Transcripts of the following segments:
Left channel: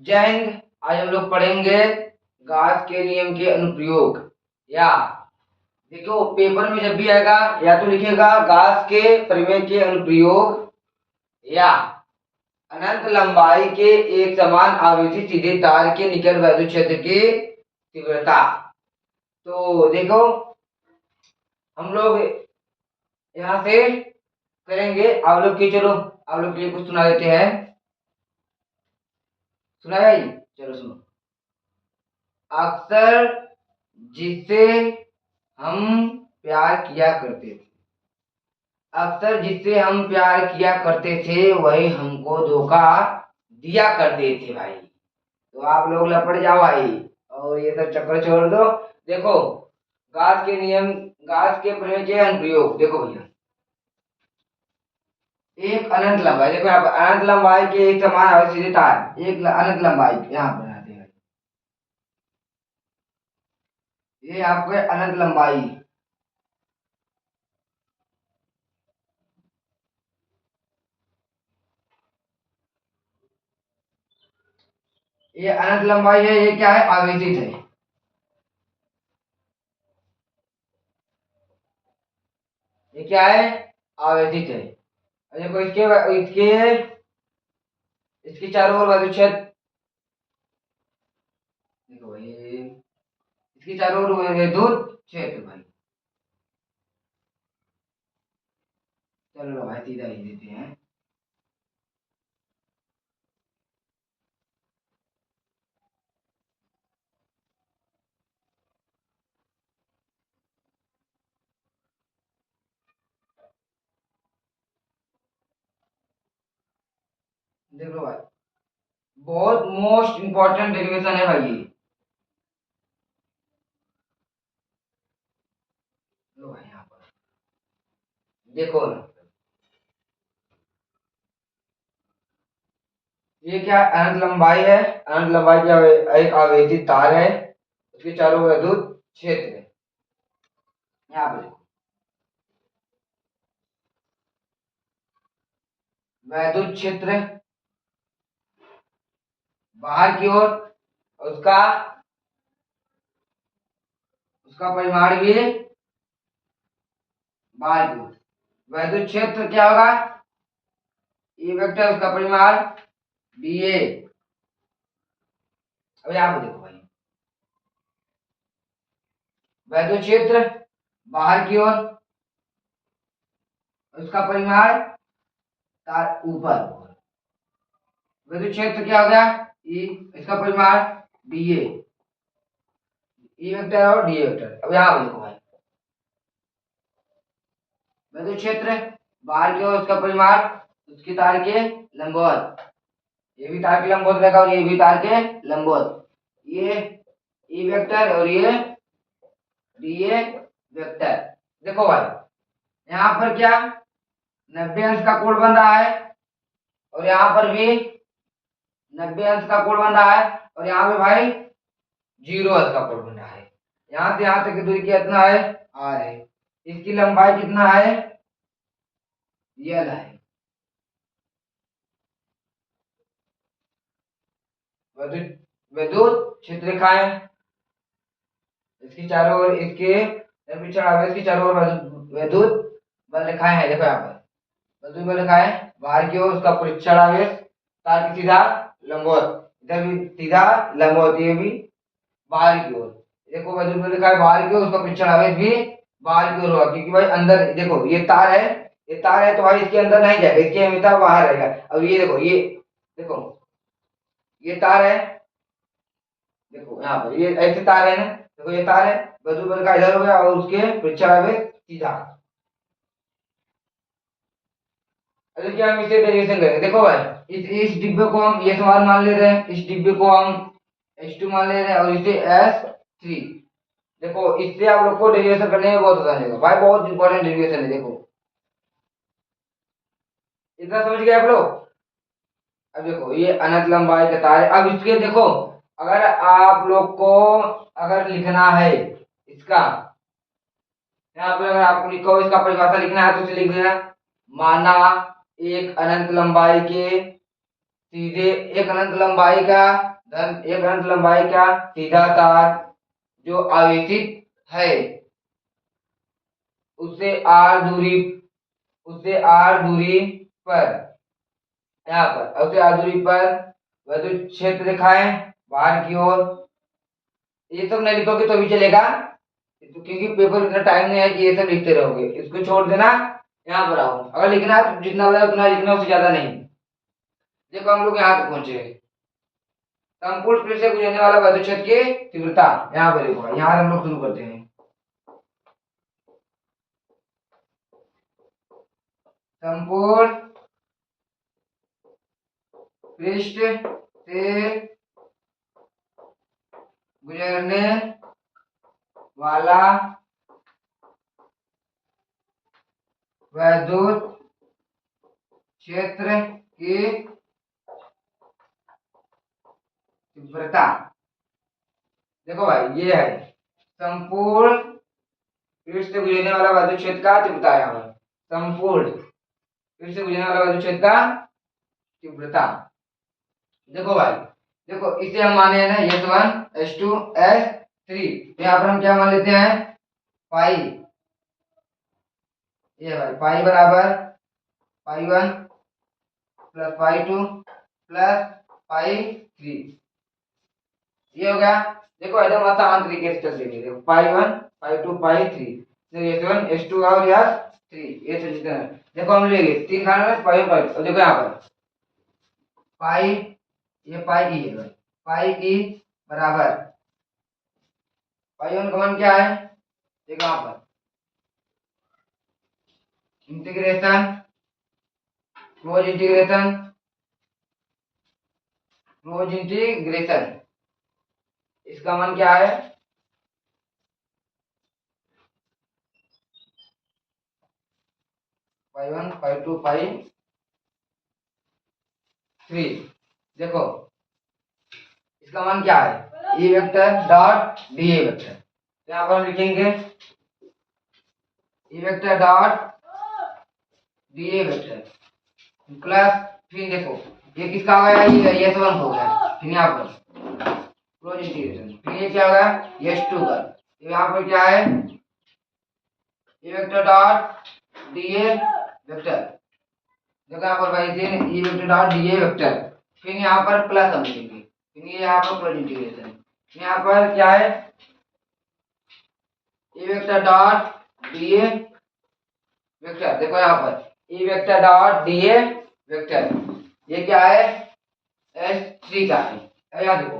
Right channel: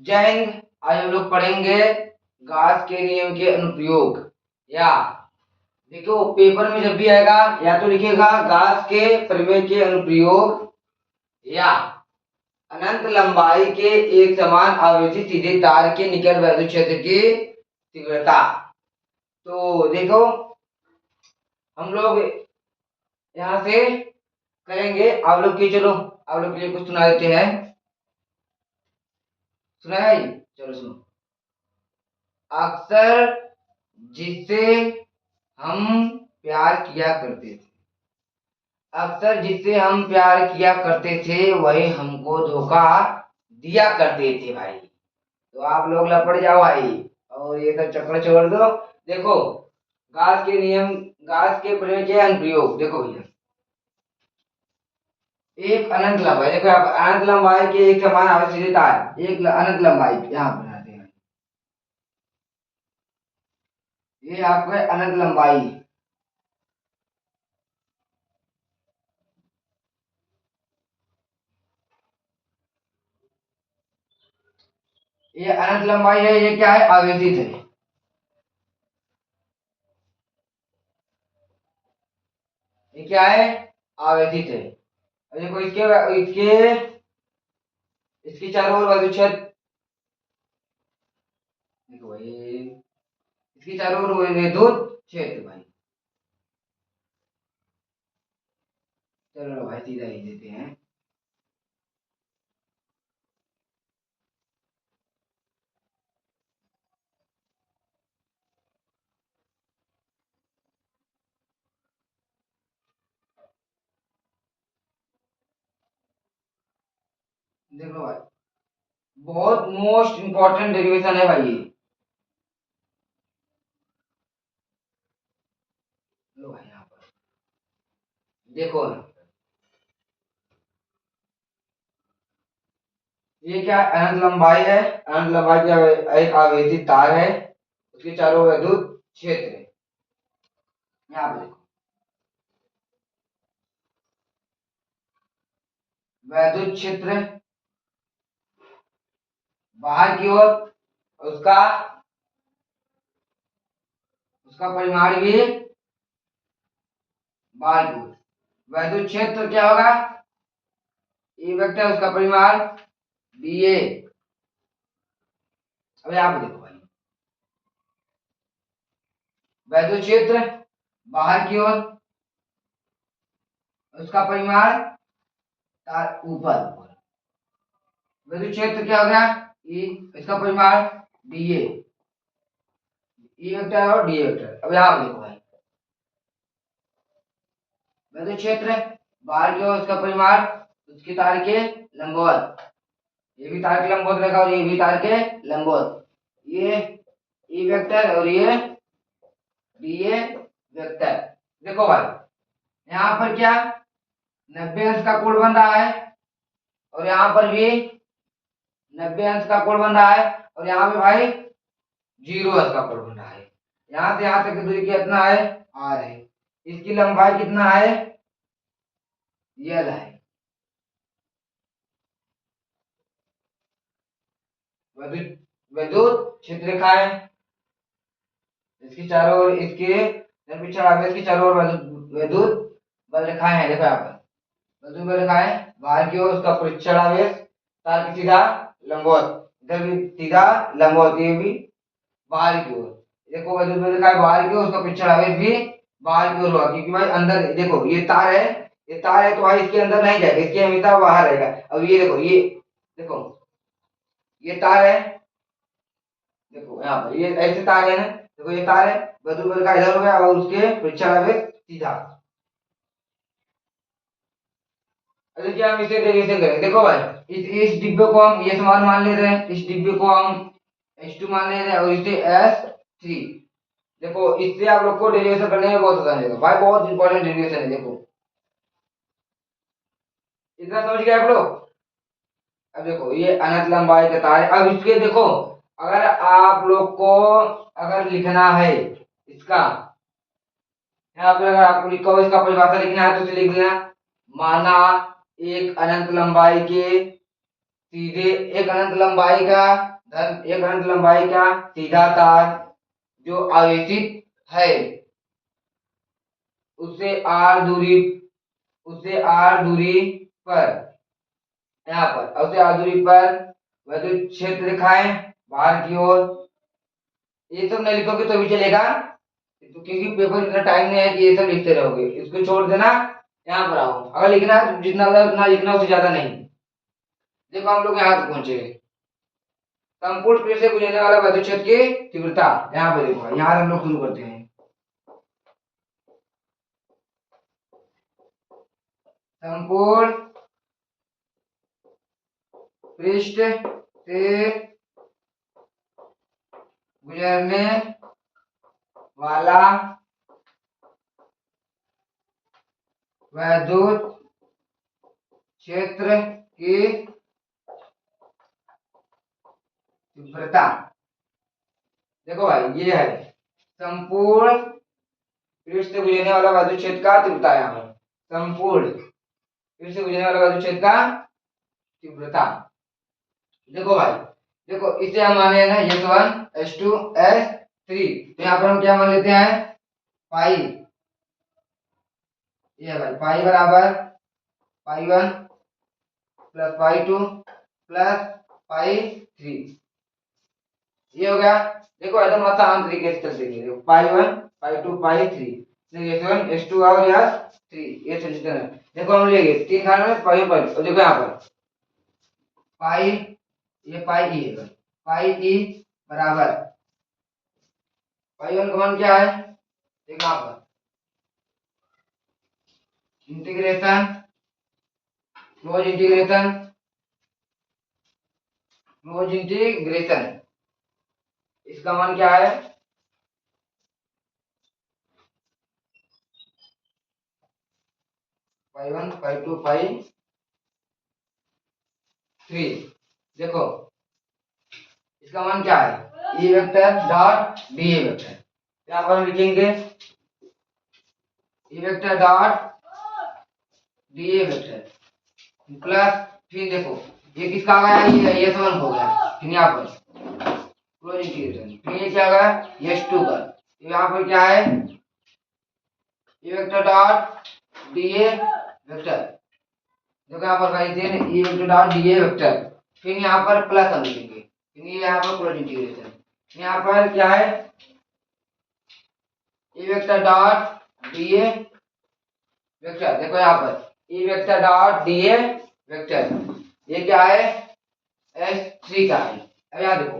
जय हिंद। आज हम लोग पढ़ेंगे गाउस के नियम के अनुप्रयोग। या देखो, पेपर में जब भी आएगा या तो लिखेगा गाउस के प्रमेय के अनुप्रयोग या अनंत लंबाई के एक समान आवेशित सीधे तार के निकट वैद्युत क्षेत्र की तीव्रता। तो देखो, हम लोग यहाँ से करेंगे। आप लोग की चलो, आप लोग के लिए कुछ सुना देते हैं। सुना भाई, चलो सुनो। अक्सर जिससे हम प्यार किया करते थे, अक्सर जिससे हम प्यार किया करते थे वही हमको धोखा दिया करते थे भाई। तो आप लोग लपड़ जाओ भाई और ये सब चक्कर छोड़ दो। देखो, गास के नियम, गास के प्रमेय के अनुप्रयोग देखो भैया। एक अनंत लंबाई, देखो यहाँ पर अनंत लंबाई के एक समान आवेशित तार, एक अनंत लंबाई यहाँ बनाते हैं। ये आपके अनंत लंबाई, ये अनंत लंबाई है। ये क्या है? आवेशित है। ये क्या है? आवेशित है। और देखो इसके इसके इसके चारों ओर वायु क्षेत्र, देखो ये इसके चारों ओर विद्युत क्षेत्र भाई। चलो भाई सीधा ही देते हैं। देख लो भाई, बहुत मोस्ट इंपॉर्टेंट डेरिवेशन है भाई ये। लो भाई यहाँ पर देखो ना, ये क्या है? अनंत लंबाई है। अनंत लंबाई की एक आवेशित तार है, उसके चारों ओर विद्युत क्षेत्र है। यहाँ पे देखो, विद्युत क्षेत्र बाहर की ओर, उसका उसका परिमाण भी बाहर की ओर। विद्युत क्षेत्र क्या होगा? ए वेक्टर, उसका परिमाण बी ए। अब यहाँ पे देखो भाई, वैद्युत क्षेत्र बाहर की ओर, उसका परिमाण तार ऊपर। वैद्युत क्षेत्र क्या हो गया? ई, इसका परिमाण डी ए। ई वेक्टर और डी वेक्टर। अब यहाँ पे देखो भाई, वैद्युत क्षेत्र बाहर की ओर, उसका परिमाण उसकी तार के लंबवत। ये भी तार के लंबवत रहेगा और ये भी तार के लंबवत। ये ई वेक्टर और ये डी ए वेक्टर। देखो भाई, यहाँ पर क्या 90 अंश का कोण बन रहा है और यहाँ पर भी 90 अंश का कोण बन रहा है और यहाँ पे भाई 0 अंश का कोण बन रहा है। यहाँ से यहाँ तक की दूरी कितना है? आर है। इसकी लंबाई कितना है? यल है। विद्युत विद्युत क्षेत्र रेखाएं, इसकी चारों ओर, इसके निरपेक्ष आवेश की चारों ओर विद्युत विद्युत बल रेखाएं हैं। देखो यहाँ पर विद्युत बल रेखाएं बाहर की ओर, उसका परीक्षण आवेश तार की सीधा लंबवत, इधर भी सीधा लंबवत, ये भी बाहर की ओर। देखो वैद्युत बल रेखाएं बाहर की ओर, उसका परीक्षण आवेश भी बाहर की ओर होगा, क्योंकि भाई अंदर देखो ये तार है, ये तार है तो भाई इसके अंदर नहीं जाएगा, इसके हमेशा बाहर रहेगा। अब ये देखो, ये देखो ये तार है, देखो यहाँ पर ये ऐसे तार है ना, देखो ये तार है, विद्युत बल का इधर हो गया और उसके परीक्षण आवेश सीधा। अब देखिए हम इसे डेरिवेशन करेंगे। देखो भाई, इस डिब्बे को हम ये समान मान ले रहे हैं, इस डिब्बे को हम H2 मान ले रहे हैं और इसे S3। देखो इससे आप लोग को डेरिवेशन करने में बहुत आसान होगा भाई, बहुत इंपॉर्टेंट डेरिवेशन है। देखो इतना समझ गए आप लोग? अब देखो ये अनंत लंबाई का तार है। अब इसके देखो, अगर आप लोग को अगर लिखना है इसका, यहाँ पे अगर आपको लिखो इसका परिभाषा लिखना है तो उसे लिख देना। माना एक अनंत लंबाई के सीधे एक अनंत लंबाई का एक अनंत लंबाई का सीधा तार जो आवेशित है उससे आर दूरी पर यहाँ पर उससे आर दूरी पर विद्युत क्षेत्र दिखाएं बाहर की ओर। ये सब नहीं लिखोगे तो भी चलेगा, तो क्योंकि पेपर इतना टाइम नहीं है कि ये सब लिखते रहोगे, इसको छोड़ देना। यहाँ पर आओ, अगर लिखना है तो जितना ज्यादा उतना लिखना, उससे ज्यादा नहीं। देखो हम लोग यहाँ तक पहुंचे। संपूर्ण पृष्ठ से गुजरने वाला विद्युत क्षेत्र की तीव्रता, यहाँ पर देखो, यहाँ हम लोग शुरू करते हैं। संपूर्ण पृष्ठ से गुजरने वाला विद्युत क्षेत्र की तीव्रता। देखो भाई, ये है संपूर्ण पृष्ठ से गुजरने वाला विद्युत क्षेत्र का तीव्रता। यहाँ पर संपूर्ण पृष्ठ से गुजरने वाला विद्युत क्षेत्र का तीव्रता। देखो भाई, देखो इसे हम माने हैं ना S1 S2 S3, तो यहाँ पर हम क्या मान लेते हैं, पाई। ये भाई पाई बराबर पाई 1 प्लस पाई 2 प्लस पाई 3, ये हो गया। देखो एकदम आसान तरीके से कर देंगे। देखो पाई 1 पाई 2 पाई 3, S1 S2 और S3, ये सब जितना है। देखो हम लेंगे 3 खाने में पाई पाई, और देखो यहाँ पर पाई, ये पाई ई है, पाई ई बराबर पाई 1 का मान क्या है, देखो यहाँ पर इंटीग्रेशन क्लोज इंटीग्रेशन, इसका मान क्या है, पाई 1 पाई 2 पाई 3। देखो इसका मान क्या है, E vector dot D A vector. यहाँ पर हम लिखेंगे E vector dot D A vector plus, फिर देखो ये किसका आ गया, ये S1 हो गया, फिर यहाँ पर क्लोज इंटीग्रेशन, फिर ये क्या आ गया S2 का, यहाँ पर क्या है E vector dot D A vector. देखो यहाँ पर भाई E vector dot D A vector, फिर यहाँ पर प्लस हम लिखेंगे, फिर ये यहाँ पर क्लोज इंटीग्रेशन, यहाँ पर क्या है E vector dot D A vector. देखो यहाँ पर E vector dot D A vector, ये क्या है S3 का है। अब यहाँ देखो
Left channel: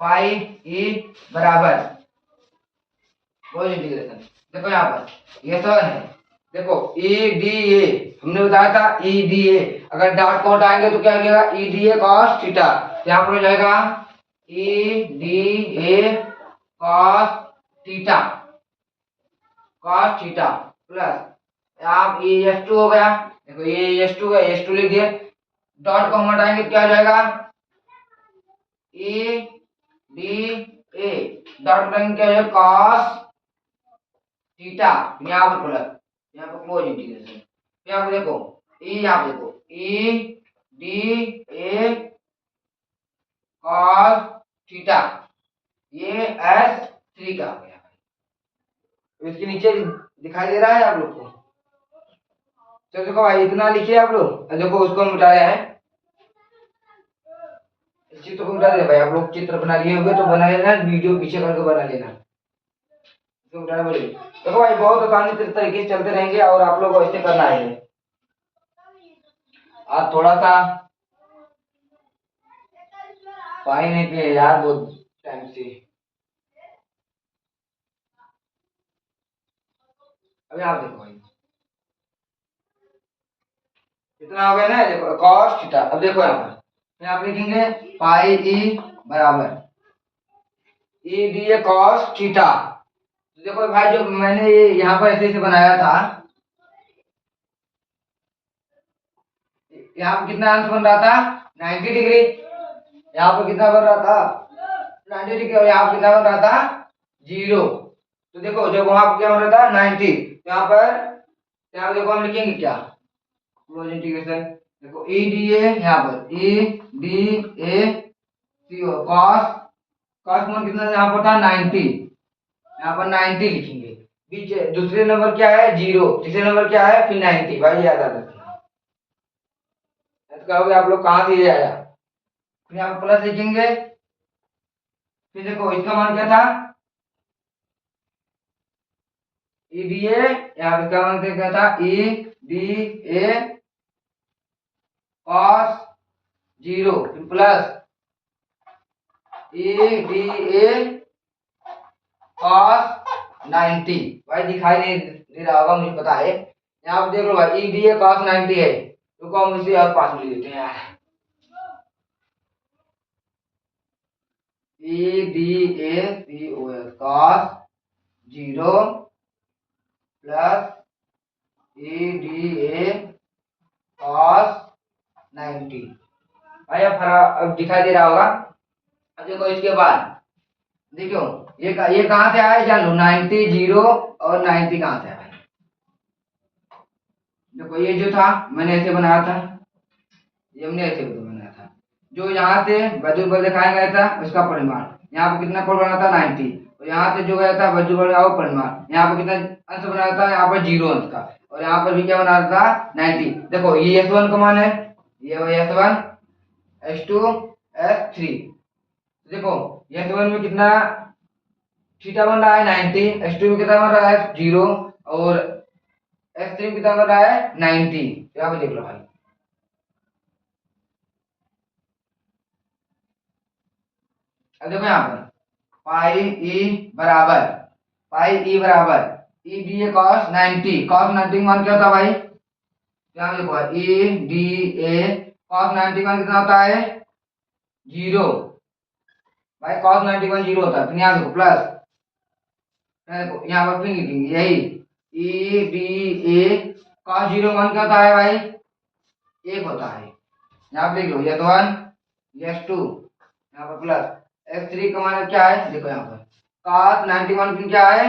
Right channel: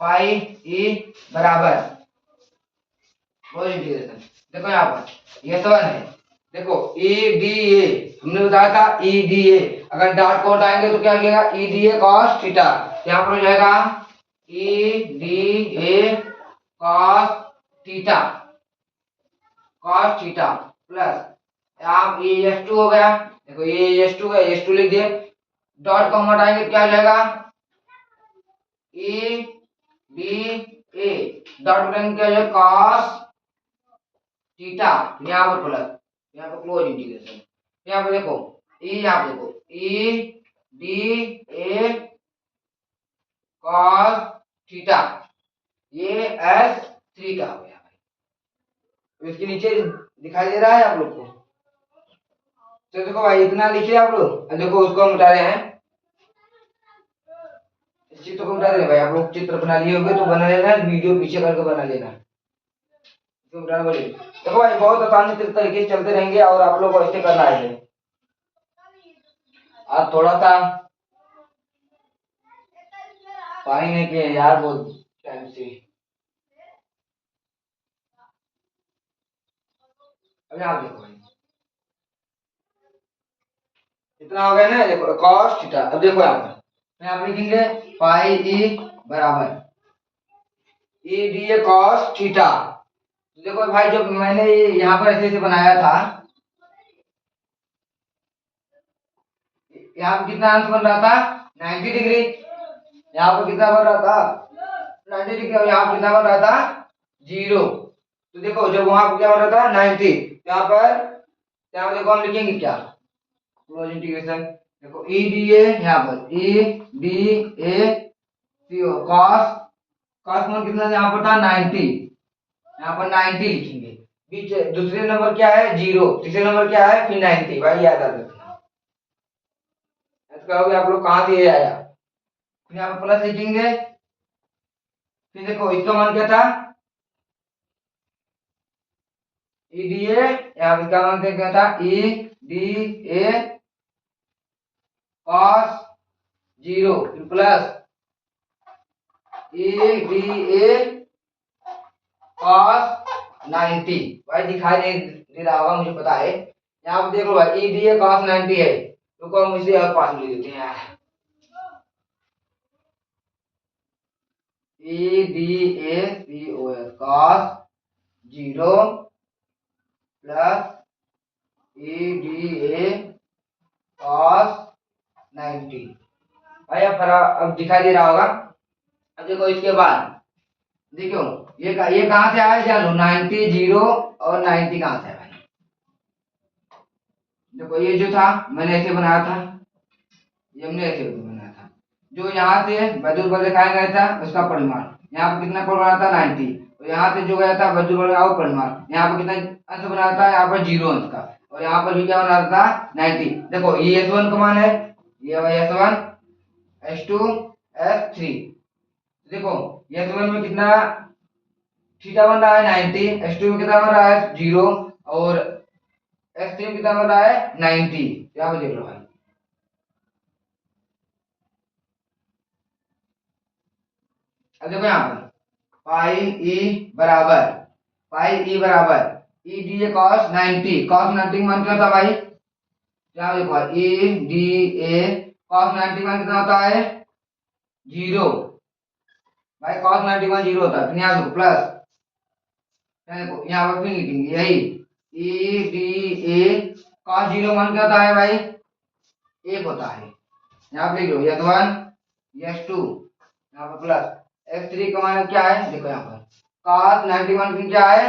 पाई ई बराबर क्लोज इंटीग्रेशन, देखो यहाँ पर ये 7 है। देखो ई डी ए हमने बताया था, ई डी ए अगर डॉट को हटाएंगे तो क्या मिलेगा, ई डी ए कॉस थीटा। यहाँ पर हो जाएगा ई D A cos theta plus आप ये S2 हो गया। देखो ये S2 है, S2 लिख दिए, डॉट को हम हटाएंगे तो क्या हो जाएगा ई डी ए, डॉट हटाएंगे क्या हो जाएगा कॉस थीटा, यहाँ पर प्लस, यहाँ पर क्लोज इंटीग्रेशन, यहाँ पर देखो यहाँ पर देखो ई डी ए कॉस थीटा, ये S3 का हो गया। इसके नीचे दिखाई दे रहा है आप लोग को, तो देखो भाई इतना लिखिए आप लोग। देखो उसको हम उठा रहे हैं, चित्र को उठा दे भाई, आप लोग चित्र बना लिए होंगे तो बना लेना, वीडियो पीछे करके बना लेना। तो उठाना बोलिए। देखो भाई बहुत आसानी तरीके से चलते रहेंगे और आप लोग को ऐसे करना है। आप थोड़ा सा पाई नहीं किए यार बहुत टाइम से। अभी आप देखो भाई इतना हो गया ना, देखो कॉस थीटा। अब देखो यहाँ पर यहाँ लिखेंगे पाई ई बराबर ई डी ए कॉस थीटा। देखो भाई जो मैंने यहाँ पर ऐसे बनाया था, यहाँ पर कितना अंश बन रहा था 90 डिग्री, यहाँ पर कितना बन रहा था 90 डिग्री, और यहाँ पर कितना बन रहा था 0। तो देखो जब वहां पर क्या बन रहा था 90, यहाँ पर देखो हम लिखेंगे क्या क्लोज इंटीग्रेशन, देखो ई डी ए, यहाँ पर E D A C O cos, cos में कितना यहाँ पर था 90, यहाँ पर 90 लिखेंगे। बीच दूसरे नंबर क्या है 0, तीसरे नंबर क्या है फिर 90, भाई याद आ रखना। ऐसे कहोगे आप लोग कहाँ से ये आया, फिर यहाँ पर प्लस लिखेंगे। फिर देखो इसका मान क्या था ई डी ए, यहाँ पर इसका मान क्या था ई डी ए कॉस 0 फिर plus E D A cos 90। भाई दिखाई नहीं दे रहा होगा मुझे पता है, यहाँ पे देख लो भाई ई डी ए कॉस 90 है, रुको हम इसे और पास में लिख देते हैं यार। E D A C O S cos 0 plus E D A cos 90। भाई अब दिखाई दे रहा होगा। अब देखो इसके बाद देखो ये कहाँ से आया जान लो, 90 0 और 90 कहाँ से आया भाई। देखो ये जो था मैंने ऐसे बनाया था, ये हमने ऐसे बनाया था, जो यहाँ से वैद्युत बल दिखाया गया था उसका परिमाण यहाँ पर कितना कोण बना था 90, और यहाँ से जो गया था वैद्युत बल का परिमाण यहाँ पर कितना अंश बना था, यहाँ पर 0 अंश का, और यहाँ पर भी क्या बना था 90। देखो ये S1 का मान है, ये भाई S1 S2 S3। देखो S1 में कितना थीटा बन रहा है 90, S2 में कितना बन रहा है 0, और S3 में कितना बन रहा है 90। यहाँ पे देख लो भाई, अब देखो यहाँ पर पाई ई बराबर ई डी ए कॉस 90, कॉस 90 मान क्या होता है भाई, यहाँ देखो ई डी ए कॉस 90 मान कितना होता है 0, भाई कॉस 90 0 होता है। फिर यहाँ देखो प्लस, यहाँ पर फिर लिखेंगे यही ई डी ए कॉस 0 मान क्या होता है भाई 1 होता है। यहाँ पे देख लो S1 S2, यहाँ पर प्लस S3 का मान क्या है, देखो यहाँ पर cos 91 फिर क्या है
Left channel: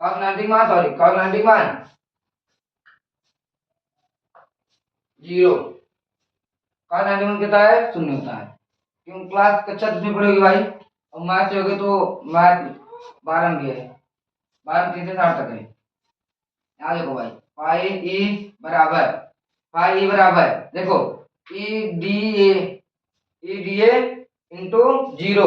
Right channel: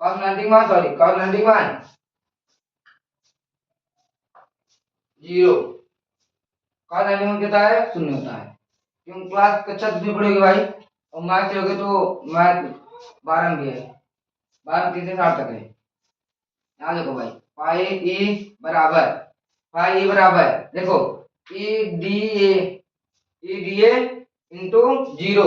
cos 90 मान, सॉरी cos 90 मान 0, cos 90 मान कितना है 0 होता है। क्यों क्लास कक्षा कितनी पड़ेगी भाई, और मैथ से होगी तो मैथ 12 भी है, 12 3 से 60 तक है। यहाँ देखो भाई पाई ई बराबर देखो ई डी ए इंटू 0,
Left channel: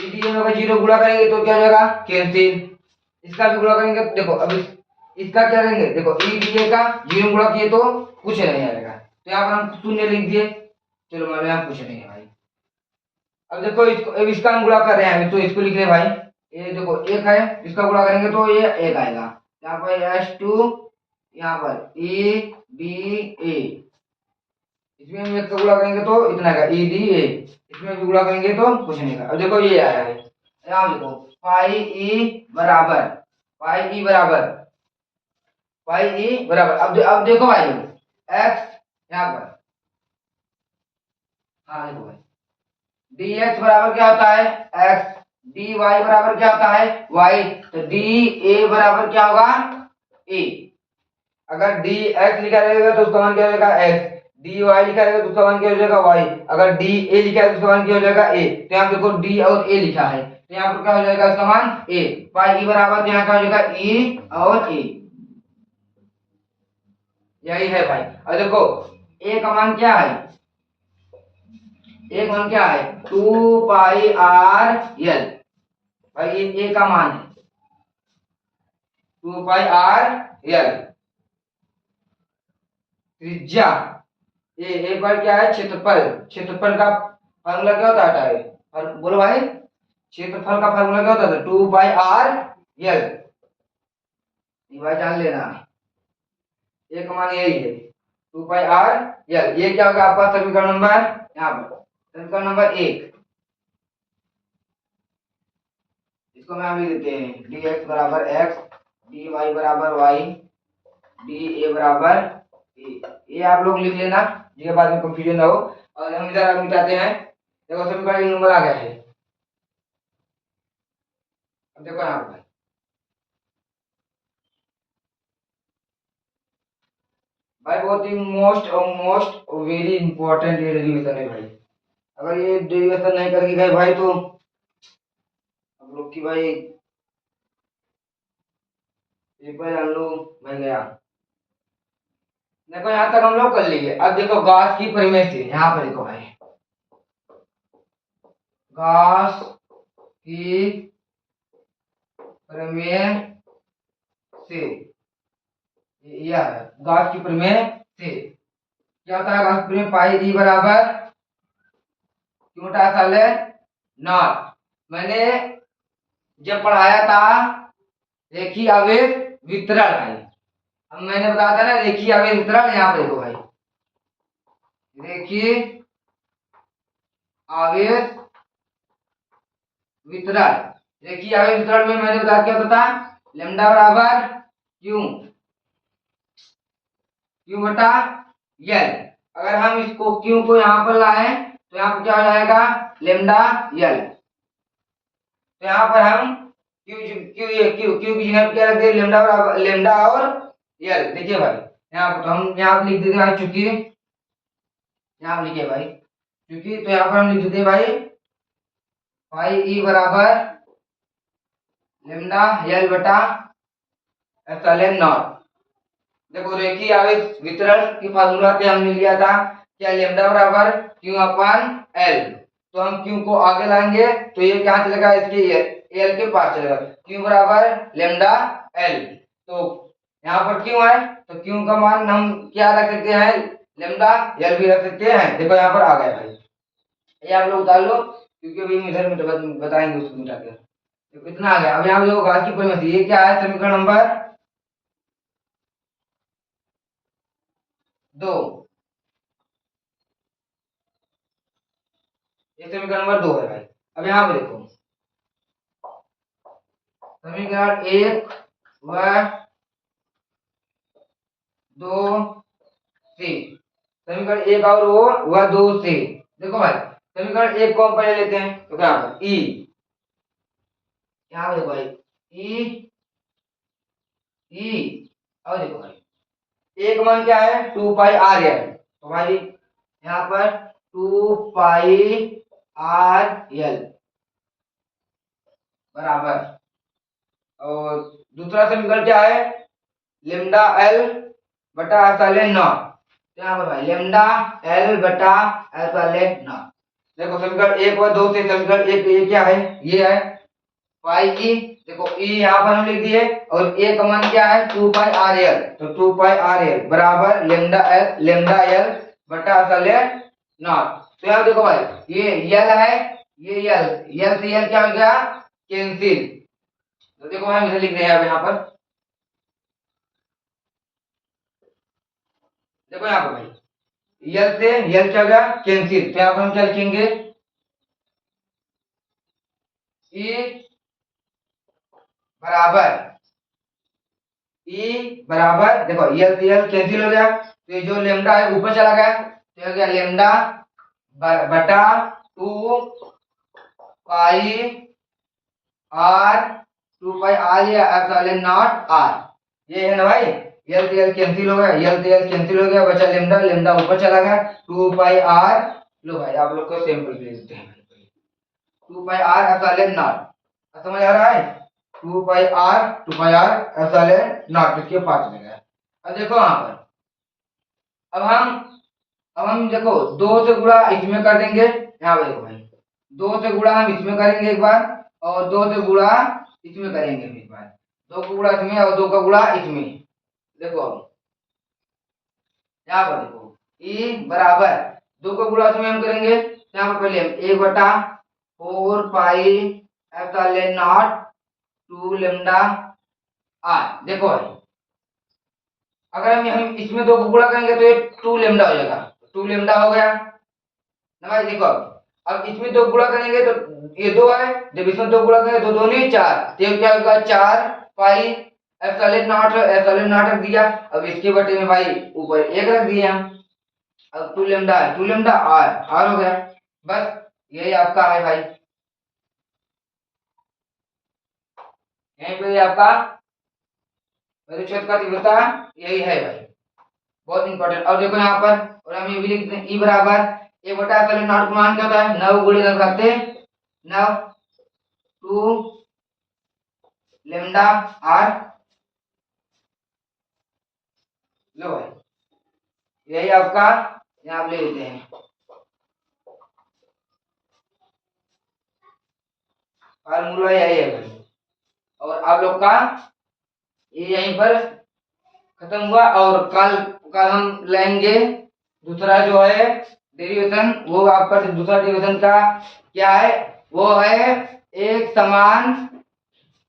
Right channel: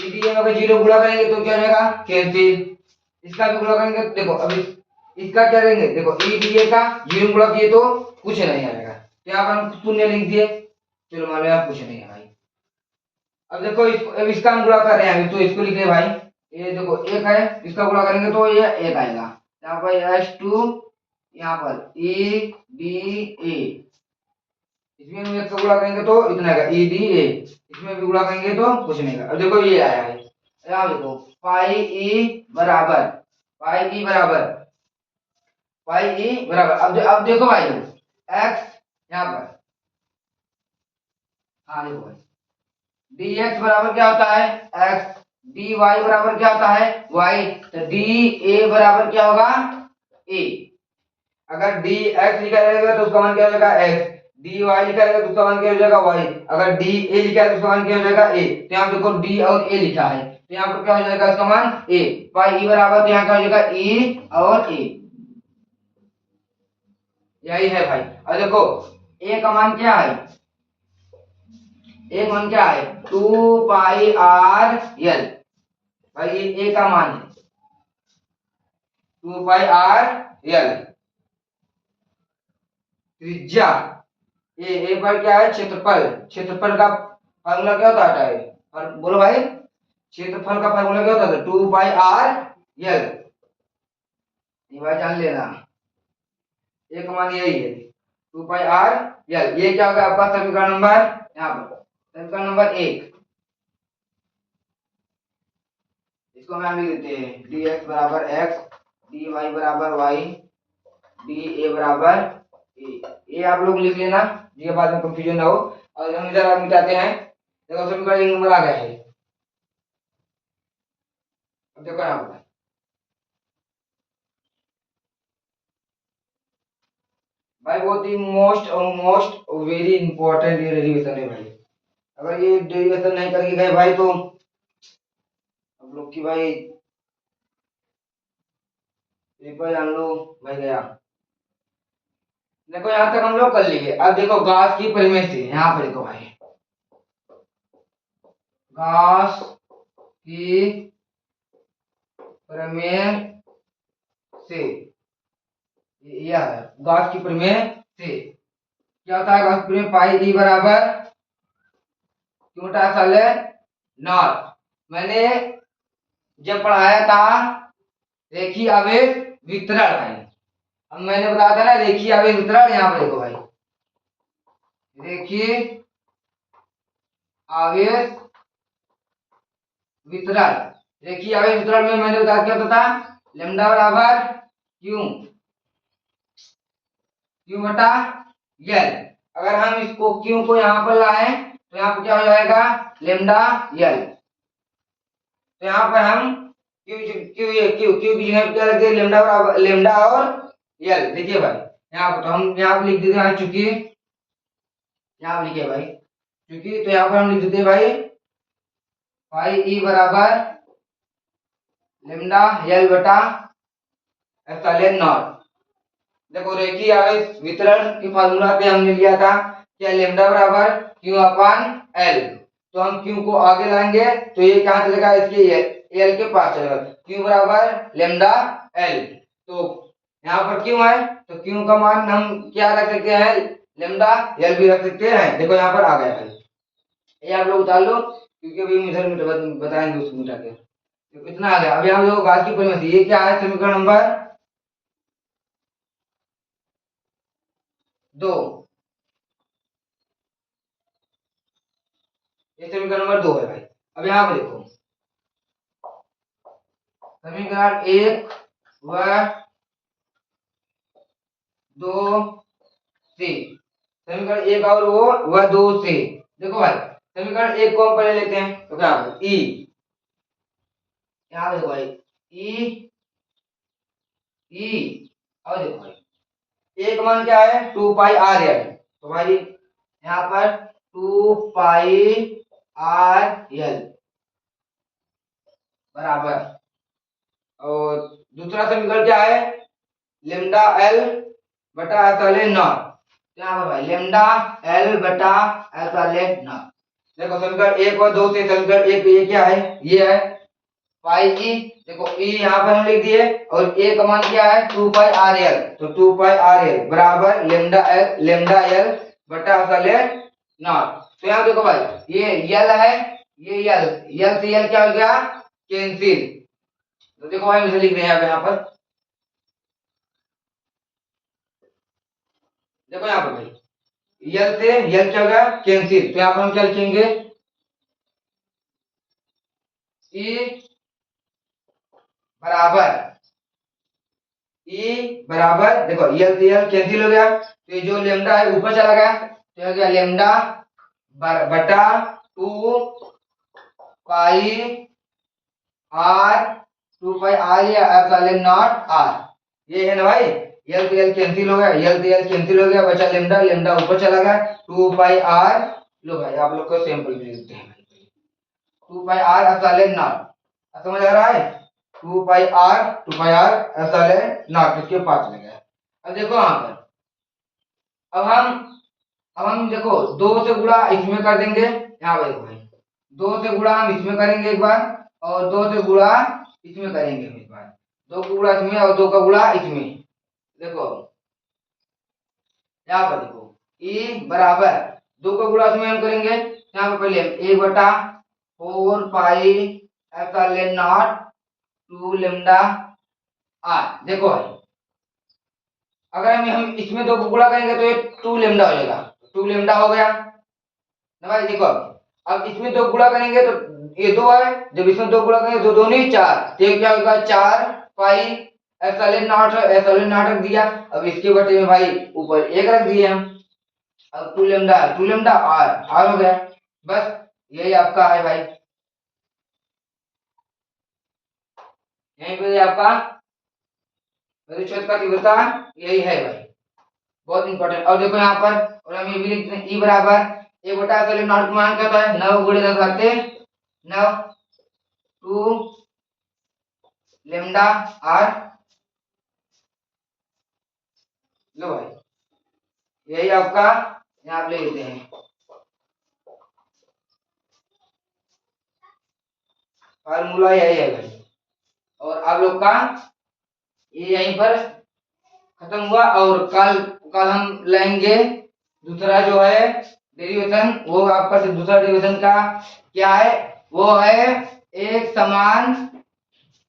ई डी ए में अगर 0 गुणा करेंगे तो क्या हो जाएगा कैंसिल, इसका भी गुणा करेंगे देखो अब इसका क्या करेंगे, देखो ई डी ए का 0 गुणा किए तो कुछ नहीं आएगा, तो यहाँ पर हम 0 लिख दिए, चलो मान लो यहाँ कुछ नहीं है भाई। अब देखो इसको, अब इसका हम गुणा कर रहे हैं तो इसको लिख ले भाई, ये देखो 1 है, इसका गुणा करेंगे तो ये 1 आएगा, यहाँ पर S2, यहाँ पर ई डी ए, इसमें भी 1 का गुणा करेंगे तो इतना आएगा ई डी ए, इसमें भी गुणा करेंगे तो कुछ नहीं आएगा। अब देखो ये आया है, यहाँ देखो बराबर पाई ई बराबर अब देखो भाई x यहाँ पर, हाँ देखो भाई dx बराबर क्या होता है x, dy बराबर क्या होता है y, तो dA बराबर क्या होगा a। अगर dx लिखा रहेगा तो उसका मान क्या हो जाएगा x, dy लिखा रहेगा तो उसका मान क्या हो जाएगा y, अगर dA लिखा है तो उसका मान क्या हो जाएगा a। तो यहाँ देखो d और a लिखा है तो यहाँ पर क्या हो जाएगा इसका मान a, पाई e बराबर तो यहाँ क्या हो जाएगा e और a, यही है भाई। और देखो a का मान क्या है, एक मान क्या है 2 पाई आर एल, भाई ये ए का मान है 2 पाई आर एल। त्रिज्या ए पर क्या है क्षेत्रफल, क्षेत्रफल का फार्मूला क्या होता है और बोलो भाई क्षेत्रफल का फार्मूला क्या होता है 2 पाई आर एल, ये भाई जान लेना, ए का मान यही है 2 पाई आर एल। ये क्या होगा आपका समीकरण नंबर, यहाँ पर समीकरण नंबर 1, इसको हम यहाँ लिख देते हैं dx बराबर x, dy बराबर y, dA बराबर ए आप लोग लिख लेना जिसके बाद में कंफ्यूजन ना हो। और हम इधर मिटाते हैं, देखो समीकरण एक नंबर आ गया है। अब देखो यहाँ पर भाई बहुत ही मोस्ट वेरी इंपॉर्टेंट ये डेरिवेशन है भाई। अगर ये डेरिवेशन नहीं करके गए भाई तो हम लोग की भाई पेपर हम लोग भाई गया। देखो यहाँ तक हम लोग कर लिए। अब देखो गॉस की परिमेय से यहाँ पर देखो भाई, गॉस की प्रमेय से, यह है गॉस की प्रमेय से क्या होता है। गॉस की प्रमेय पाई ई बराबर क्यों साल है नॉट। मैंने जब पढ़ाया था रेखीय आवेश वितरण भाई, अब मैंने बताया था ना रेखीय आवेश वितरण। यहाँ पर देखो भाई रेखीय आवेश वितरण, रेखीय आवेश वितरण में मैंने बताया क्या होता था, लैम्डा बराबर क्यू, क्यू बटा यल। अगर हम इसको क्यू को यहाँ पर लाए तो यहाँ पर क्या हो जाएगा लेमडा यल। तो यहाँ पर हम क्यू क्यू क्यू क्यू की जगह क्या रख दिया लेमडा बराबर लेमडा और यल। देखिए भाई यहाँ पर तो हम यहाँ पर लिख देते हैं चूंकि, यहाँ पर लिखिए भाई चूंकि, तो यहाँ पर हम लिख देते हैं भाई पाई ई बराबर लेमडा यल बटा एप्सिलॉन नॉट। देखो रेखीय आवेश वितरण की फार्मूला पे हमने लिया था क्या लेमडा बराबर क्यू अपान एल। तो हम क्यू को आगे लाएंगे तो ये कहाँ चलेगा इसके एल के पास चलेगा, क्यू बराबर लेमडा एल। तो यहाँ पर क्यू है तो क्यू का मान हम क्या रख सकते हैं लेमडा एल भी रख सकते हैं। देखो यहाँ पर आ गया भाई, ये आप लोग उतार लो क्योंकि अभी हम इधर बताएंगे उसको मिटा के। तो कितना आ गया। अब यहाँ देखो घास की परिमिति, ये क्या है समीकरण नंबर 2, ये समीकरण नंबर 2 है भाई। अब यहाँ पे देखो समीकरण 1 व 2 से, समीकरण 1 और वो व 2 से। देखो भाई समीकरण 1 को हम पहले लेते हैं तो क्या होगा ई, यहाँ पे देखो भाई ई ई, और देखो भाई एक मान क्या है 2 पाई आर एल। तो भाई यहाँ पर 2 पाई आर एल बराबर, और दूसरा समीकरण क्या है लेमडा एल बटा एप्सिलॉन नॉट। तो यहाँ पर भाई लेमडा एल बटा एप्सिलॉन नॉट। देखो समीकरण 1 और 2 से समीकरण 1 ये क्या है ये है पाई ई। देखो ई यहाँ पर हम लिख दिए और ए का मान क्या है 2 पाई आर एल। तो 2 पाई आर एल बराबर लेमडा एल बटा एप्सिलॉन नॉट। तो यहाँ देखो भाई ये यल है, ये यल से यल क्या हो गया कैंसिल। तो देखो हम इसे लिख रहे हैं अब यहाँ पर, देखो यहाँ पर भाई यल से यल क्या होगा कैंसिल। तो यहाँ पर हम क्या लिखेंगे ई बराबर, ई बराबर देखो यल से यल कैंसिल हो गया तो ये जो लेमडा है ऊपर चला गया तो हो गया लेमडा बटा 2 पाई आर, 2 पाई आर या एप्सिलॉन नॉट आर। ये है ना भाई यल से यल कैंसिल हो गया, यल से यल कैंसिल हो गया, बचा लेमडा, लेमडा ऊपर चला गया 2 पाई आर। लो भाई आप लोग को सैंपल भेज देते हैं 2 पाई आर एप्सिलॉन नॉट। समझ आ रहा है 2 पाई आर एप्सिलॉन नॉट इसके पास चले गया। अब देखो यहाँ पर अब हम देखो 2 से गुणा इसमें कर देंगे। यहाँ पे देखो भाई 2 से गुणा हम इसमें करेंगे एक बार और 2 से गुणा इसमें करेंगे हम एक बार, 2 का गुणा इसमें और 2 का गुणा इसमें। देखो यहाँ पर देखो ई बराबर 2 का गुणा इसमें हम करेंगे यहाँ पर पहले 1 बटा 4 pi epsilon naught 2 lambda R. देखो भाई अगर हम इसमें 2 को गुणा करेंगे तो ये 2 लेमडा हो जाएगा, 2 लेमडा हो गया ना भाई। देखो अब इसमें 2 गुणा करेंगे तो ये 2 है, जब इसमें 2 गुणा करेंगे 2 दूनी 4, तो क्या होगा 4 pi epsilon not, epsilon not रख दिया। अब इसके बटे में भाई ऊपर 1 रख दिए हम। अब 2 लेमडा है 2 लेमडा आर हो गया। बस यही आपका है भाई, यहीं पे आपका परिक्षेत्र का तीव्रता यही है भाई। बहुत इंपॉर्टेंट। और देखो यहाँ पर, और हम ये भी लिखते हैं, ई बराबर 1/(नॉट मान क्या होता है 9 गुणे 10 भागते 9 2 लेमडा आर। लो भाई, यही आपका यहाँ आप ले लेते हैं, फार्मूला यही है भाई। और आप लोग का ये यहीं पर खत्म हुआ। और कल कल हम लेंगे दूसरा जो है डेरिवेशन। वो आपका दूसरा डेरिवेशन का क्या है, वो है एक समान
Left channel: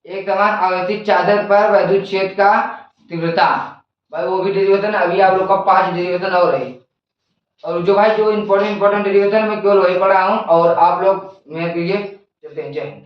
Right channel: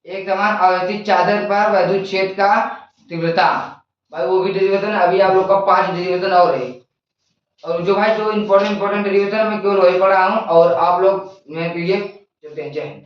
आवर्ती चादर पर वैद्युत क्षेत्र का तीव्रता। भाई वो भी डेरिवेशन, अभी आप लोग का 5 डेरिवेशन और है। और जो भाई जो इंपॉर्टेंट डेरिवेशन में केवल वही पढ़ा हूँ, और आप लोग मेरे पीडीएफ चलते हैं। जय हिंद।